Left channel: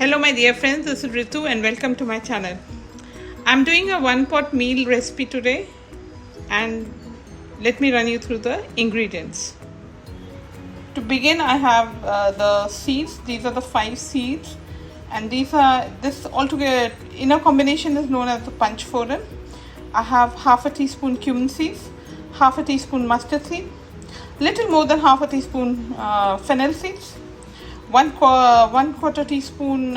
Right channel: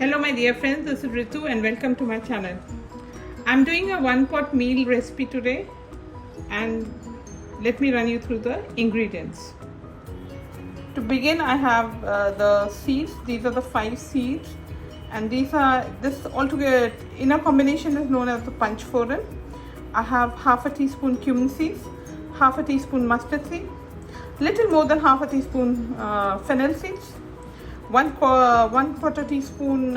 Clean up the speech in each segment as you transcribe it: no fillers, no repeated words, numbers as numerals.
Hello my dear friends, this is Ritu and welcome to my channel. I'm doing a one pot meal recipe today and let me run you through the ingredients. To begin, I have the seeds. These are the 5 seeds and this altogether in a combination is known as the Panch Phoran. I have half a teaspoon cumin seeds, half a teaspoon mustard seed, little more than half a teaspoon fennel seeds, one quarter teaspoon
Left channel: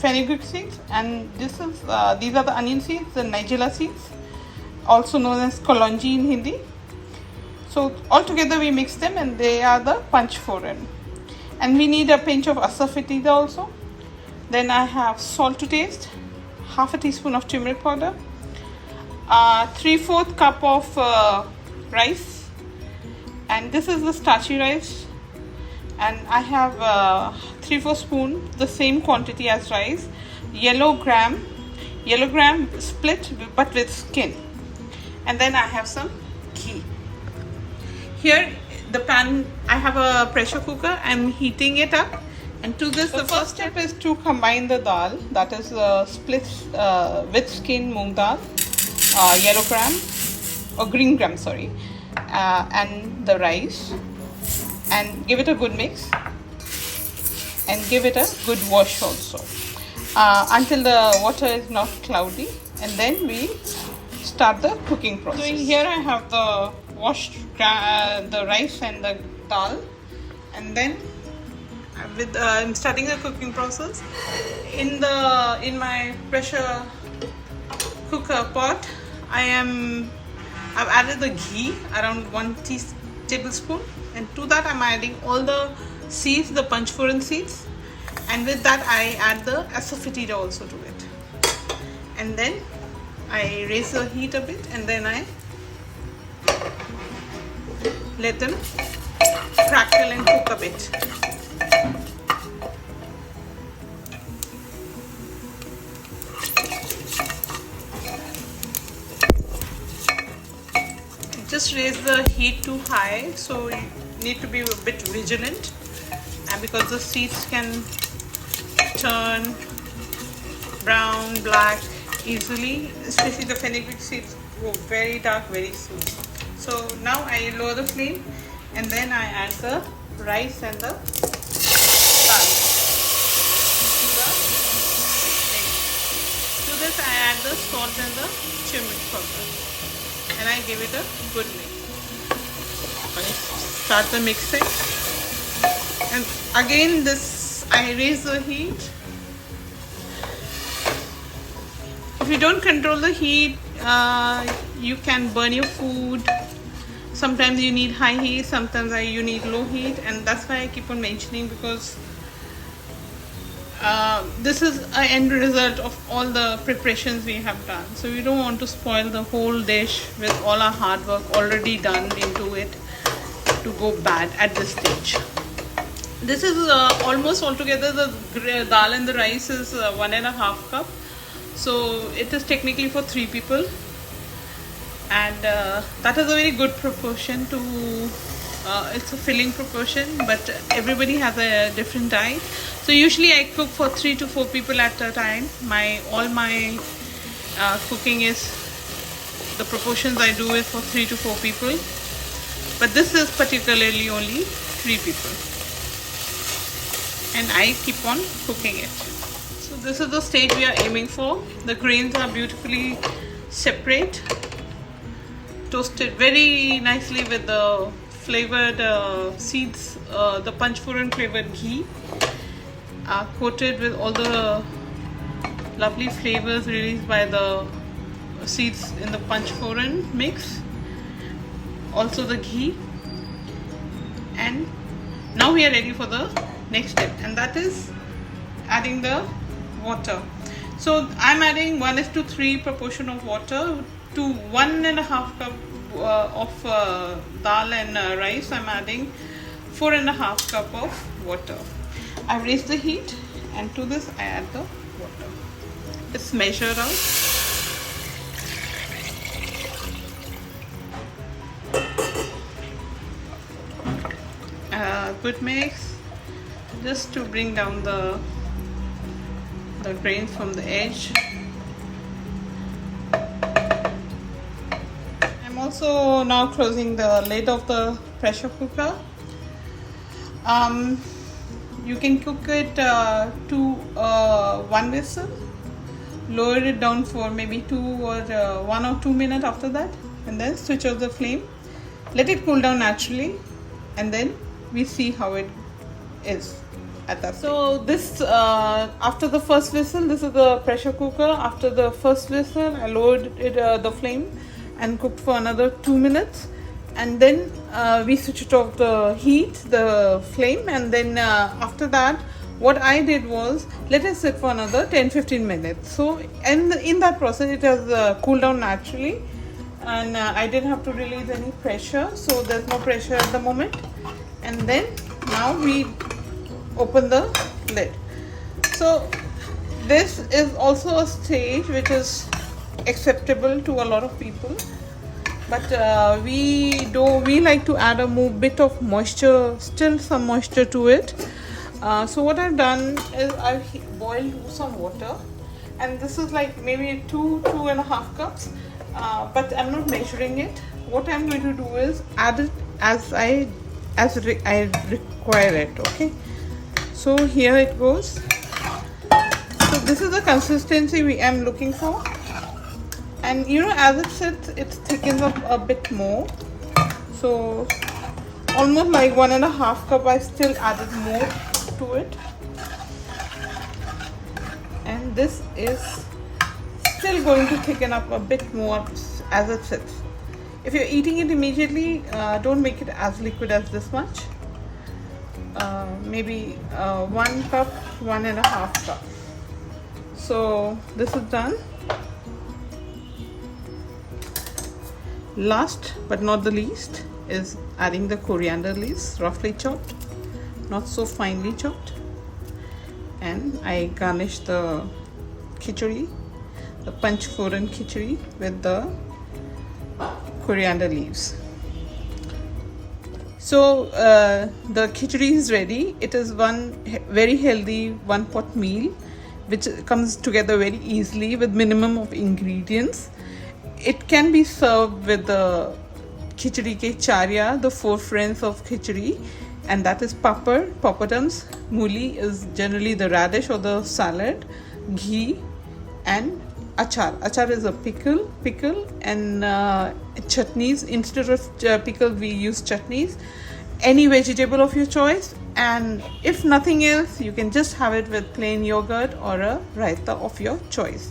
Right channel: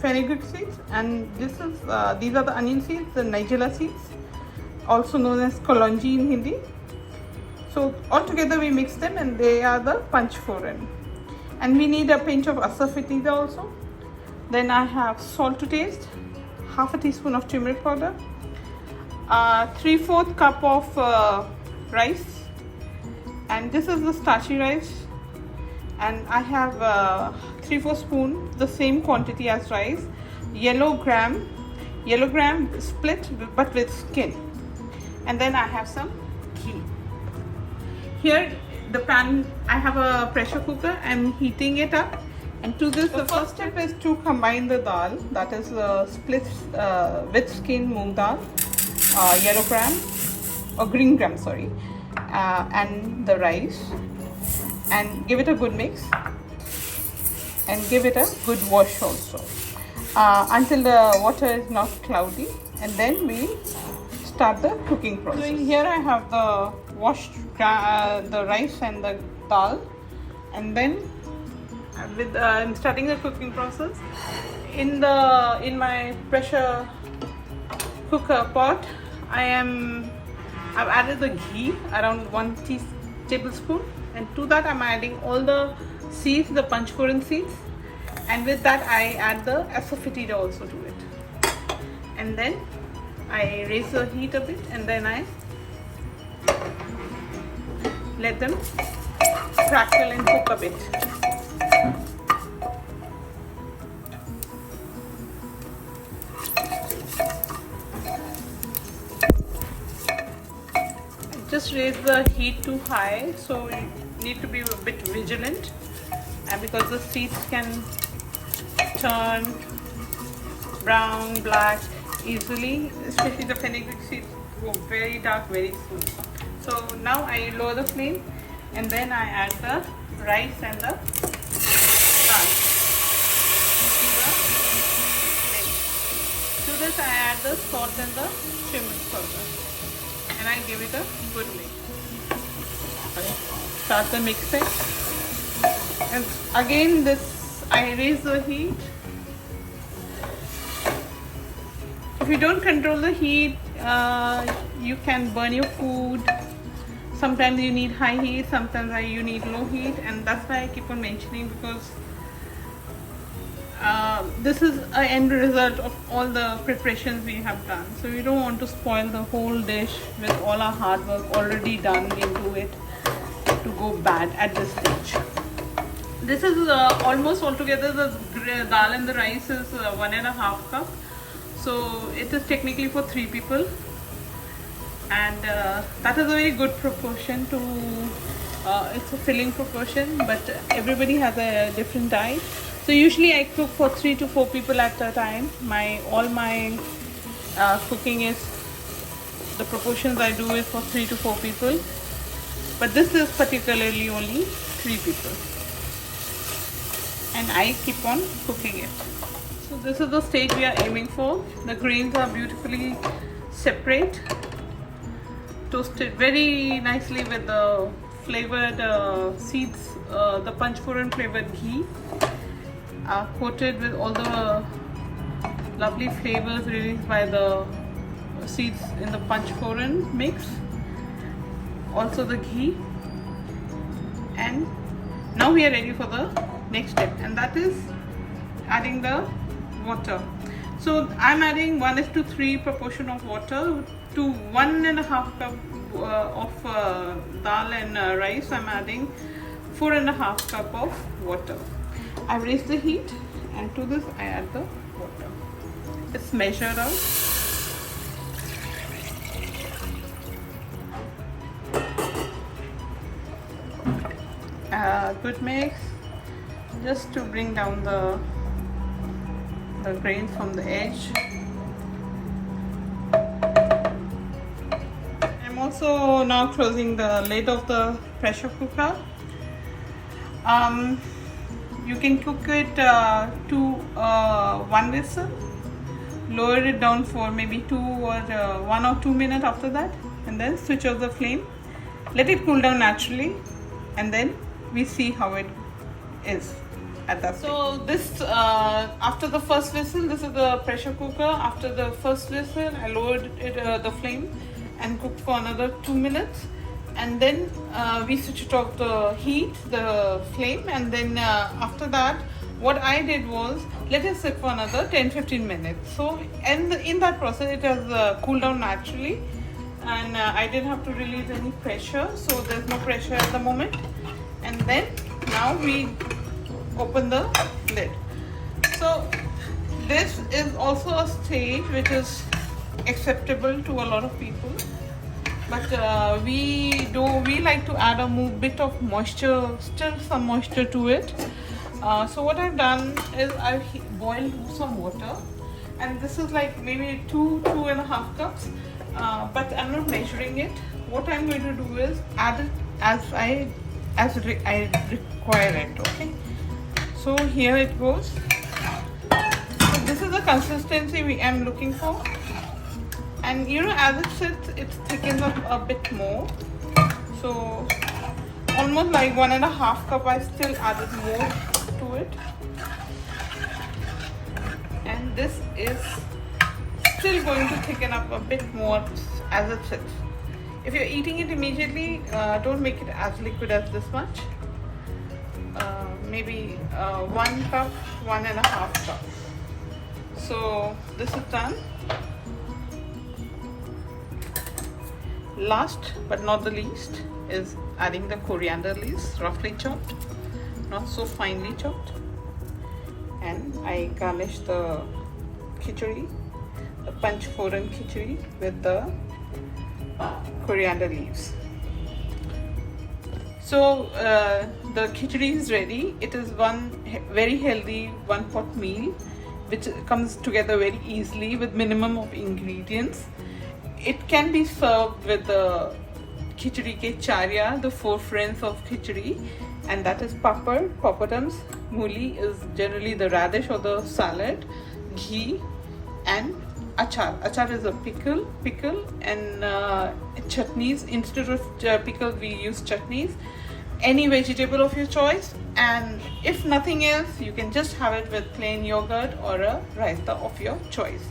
Fenugreek seeds, and these are the onion seeds, the Nigella seeds, also known as kalonji in Hindi. So all together we mix them and they are the Panch Phoran. And we need a pinch of asafoetida also. Then I have salt to taste, half a teaspoon of turmeric powder, 3/4 cup of rice, and this is the starchy rice. And I have 3/4 spoon, the same quantity as rice, yellow gram split but with skin. And then I have some ghee. Here the pan, I have a pressure cooker. I'm heating it up, and to this the first step is to combine the dal, that is split with skin moong dal, yellow gram or green gram, sorry, and the rice, and give it a good mix and give it a good wash also until the water is not cloudy, and then we start the cooking process. So here I have the washed the rice and the dal, and then I'm starting the cooking process. In my pressure cooker pot, I've added the ghee, around 1 tablespoon, and to that I'm adding all the seeds, the Panch Phoran seeds, and with that I add the asafoetida also to it, and then I raise the heat a bit, and then I let them crackle and cook a bit. Just raise the heat too high, so you need to be a bit vigilant, and because the seeds can turn brown, black easily, especially the fenugreek seeds go very dark very soon. So now I lower the flame, and then I add the rice and the dal to this. I add the salt and the turmeric powder, and I give it a good mix. I start the mixing, and again I raise the heat. If you don't control the heat, you can burn your food. Sometimes you need high heat, sometimes you need low heat, and that's why I keep on mentioning, because this is an end result of all the preparations we have done. So we don't want to spoil the whole dish with all our hard work already done into it to go bad at this stage. This is almost altogether, the dal and the rice is 1.5 cup. So it is technically for 3 people, and that is a very good proportion to it's a filling proportion, but everybody has a different diet. So usually I cook for 3 to 4 people at a time. All my cooking is, the proportions I do is for 3 to 4 people, but this is particularly only 3 people, and I keep on cooking it. So this is the stage we are aiming for. The grains are beautifully separate, toasted very nicely with the flavored seeds, the Panch Phoran flavored ghee, coated with all the lovely flavors released by the seeds in the Panch Phoran mix, also the ghee. And now we are ready for the next step, and that is adding the water. So I'm adding 1:3 proportion of water to 1.5 cup of dal and rice. I'm adding 4.5 cup of water. I've raised the heat, and to this I add the water. It's measured out. Good mix, just to bring down the the grains from the edge. I'm also now closing the lid of the pressure cooker. You can cook it to one whistle, lower it down for maybe 1 or 2 minutes after that, and then switch off the flame, let it cool down naturally, and then we see how it is at that point. So this after the first whistle, this is the pressure cooker. After the first whistle, I lowered the flame and cooked for another 2 minutes, and then we switched off the heat, the flame, and then after that what I did was let it sit for another 10-15 minutes. So and in that process it has cooled down naturally, and I didn't have to release any pressure, so there's no pressure at the moment. And then now we open the lid. So this is also a stage which is acceptable to a lot of people, but we like to add a bit of moisture, still some moisture to it. So what I've done is I've boiled some water, and this is like maybe 2.5 cups, but I'm not measuring it. What I'm going to do is add it as I require it. Okay, so here it goes. So this is the consistency we am looking for, and you know, as it sits, it thickens up a bit more. So almost like 1.5 cup, I still added more to it, and this is still going to thicken up a bit more as it sits. If you're eating it immediately, don't make it as liquid as this much. Maybe 1 cup, 1.5 cup. So this is done. Last but not the least is adding the coriander leaves, roughly chopped, not so finely chopped, and I garnish the khichdi, the Panch Phoran khichdi, with the coriander leaves. So the khichdi is ready. It is one very healthy one-pot meal which comes together very easily with minimum of ingredients. It can be served with the khichdi ke charya, the 4 friends of khichdi, and that is papad, papadums. Muli is generally the radish or the salad, ghee, and achar. Achar is a pickle, and chutneys. Instead of pickle, we use chutneys. Any vegetable of your choice, and if nothing else, you can just have it with plain yogurt or a raita of your choice.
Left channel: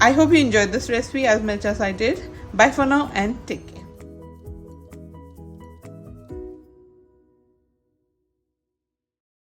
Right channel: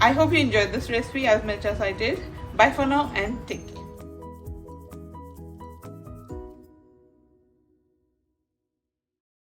I hope you enjoyed this recipe as much as I did. Bye for now and take care.